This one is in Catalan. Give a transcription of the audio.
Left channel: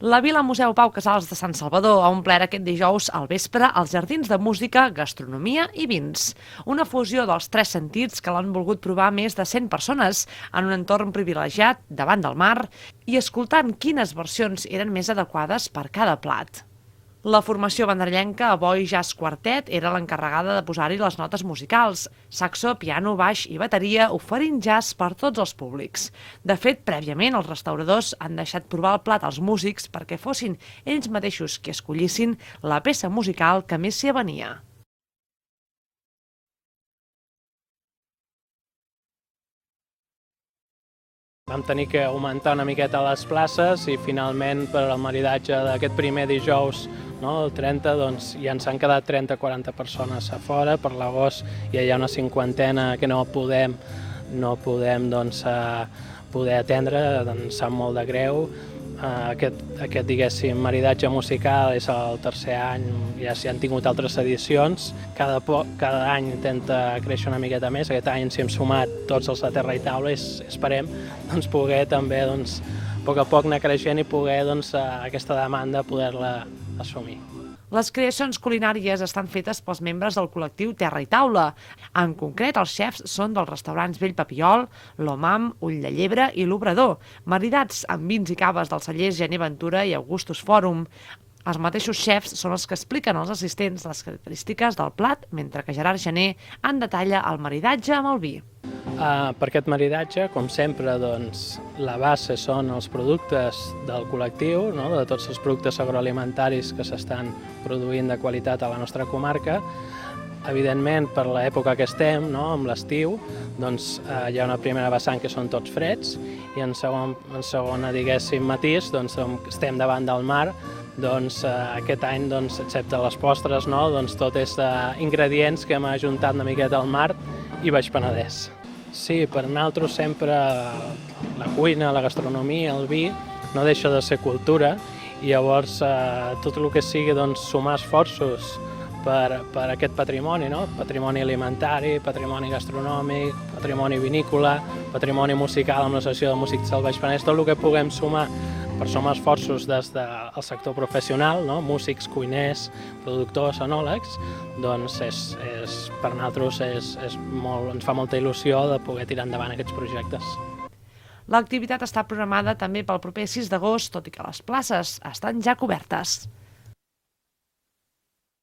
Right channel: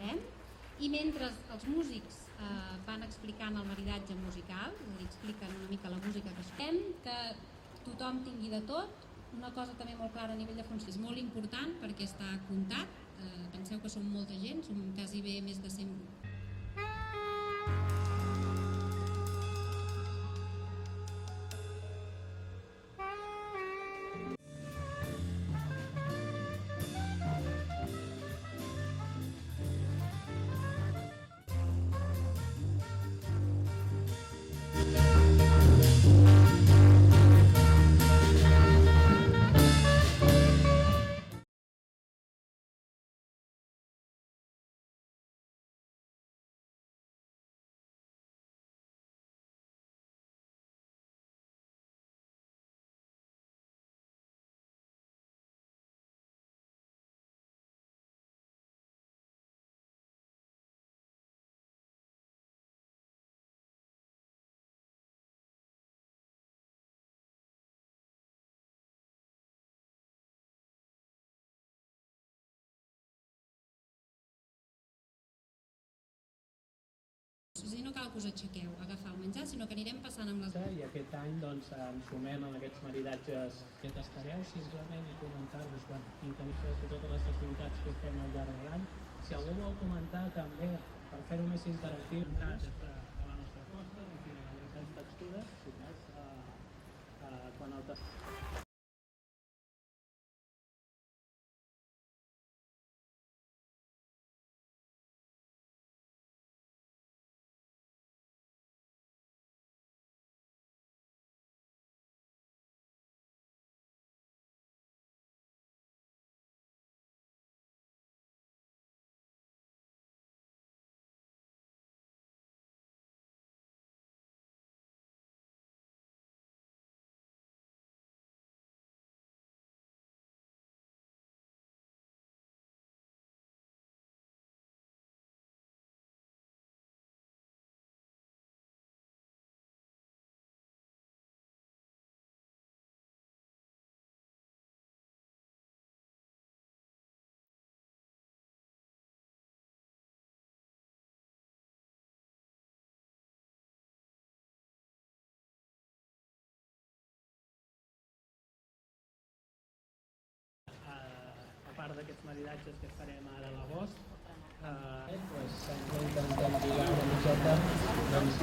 La Vila Museu Pau Casals de Sant Salvador ha omplert aquest dijous al vespre els jardins de música, gastronomia i vins. Una fusió dels tres sentits que l'han volgut provar més de 100 persones en un entorn privilegiat, davant del mar, i escoltant quines versions eren més adequades per cada plat. La formació vanderllenca Avoi Jazz Quartet era l'encarregada de posar-hi les notes musicals, saxo, piano, baix i bateria, oferint jazz per tots els públics. De fet, prèviament els restauradors han deixat provar el plat als músics perquè fossin ells mateixos qui escollissin la peça musical que més s'hi avenia. Vam tenir que augmentar una miqueta les places i finalment per al maridatge d'aquest primer dijous, el 30, doncs ja ens han quedat 30-40 persones a fora. Per l'agost ja hi ha una cinquantena que no podem poder atendre, ens sap molt de greu. Aquest diguéssim, maridatge musical és el tercer any, ja s'hi han tingut altres edicions. Cada any intenta créixer una miqueta més. Aquest any ens hi hem sumat tots els de terra i taula i esperem poder també a poc a poc anar creixent i poder aquesta demanda poder-la assumir. Les creacions culinàries estan fetes pels membres del col·lectiu Terra i Taula. En concret, els xefs són dels restaurants Vell Papiol, l'Omam, Ull de Llebre i l'Obrador, maridats amb vins i caves dels cellers Gener Ventura i Augustus Fòrum. Els mateixos xefs són els que expliquen als assistents les característiques del plat, mentre que Gerard Gener en detalla el maridatge amb el vi. Per aquest maridatge, com sempre, la base són els productes del col·lectiu, de tots els productes agroalimentaris que s'estan produint de qualitat a la nostra comarca. Evidentment, per l'època que estem, amb l'estiu, hi ha una primera vessant que són tots freds i en segona, diguéssim, matís, estem davant del mar. Aquest any, excepte les postres, tot és ingredients que hem ajuntat una miqueta al mar i Baix Penedès. Sí, per nosaltres sempre la cuina, la gastronomia, el vi, no deixa de ser cultura i llavors tot el que sigui sumar esforços per aquest patrimoni, patrimoni alimentari, patrimoni gastronòmic, patrimoni vinícola, patrimoni musical amb l'associació de músics del Baix Penedès, tot el que puguem sumar per sumar esforços des del sector professional, músics, cuiners, productors, enòlegs, per nosaltres ens fa molta il·lusió de poder tirar endavant aquests projectes. L'activitat està programada també pel proper 6 d'agost, tot i que les places estan ja cobertes.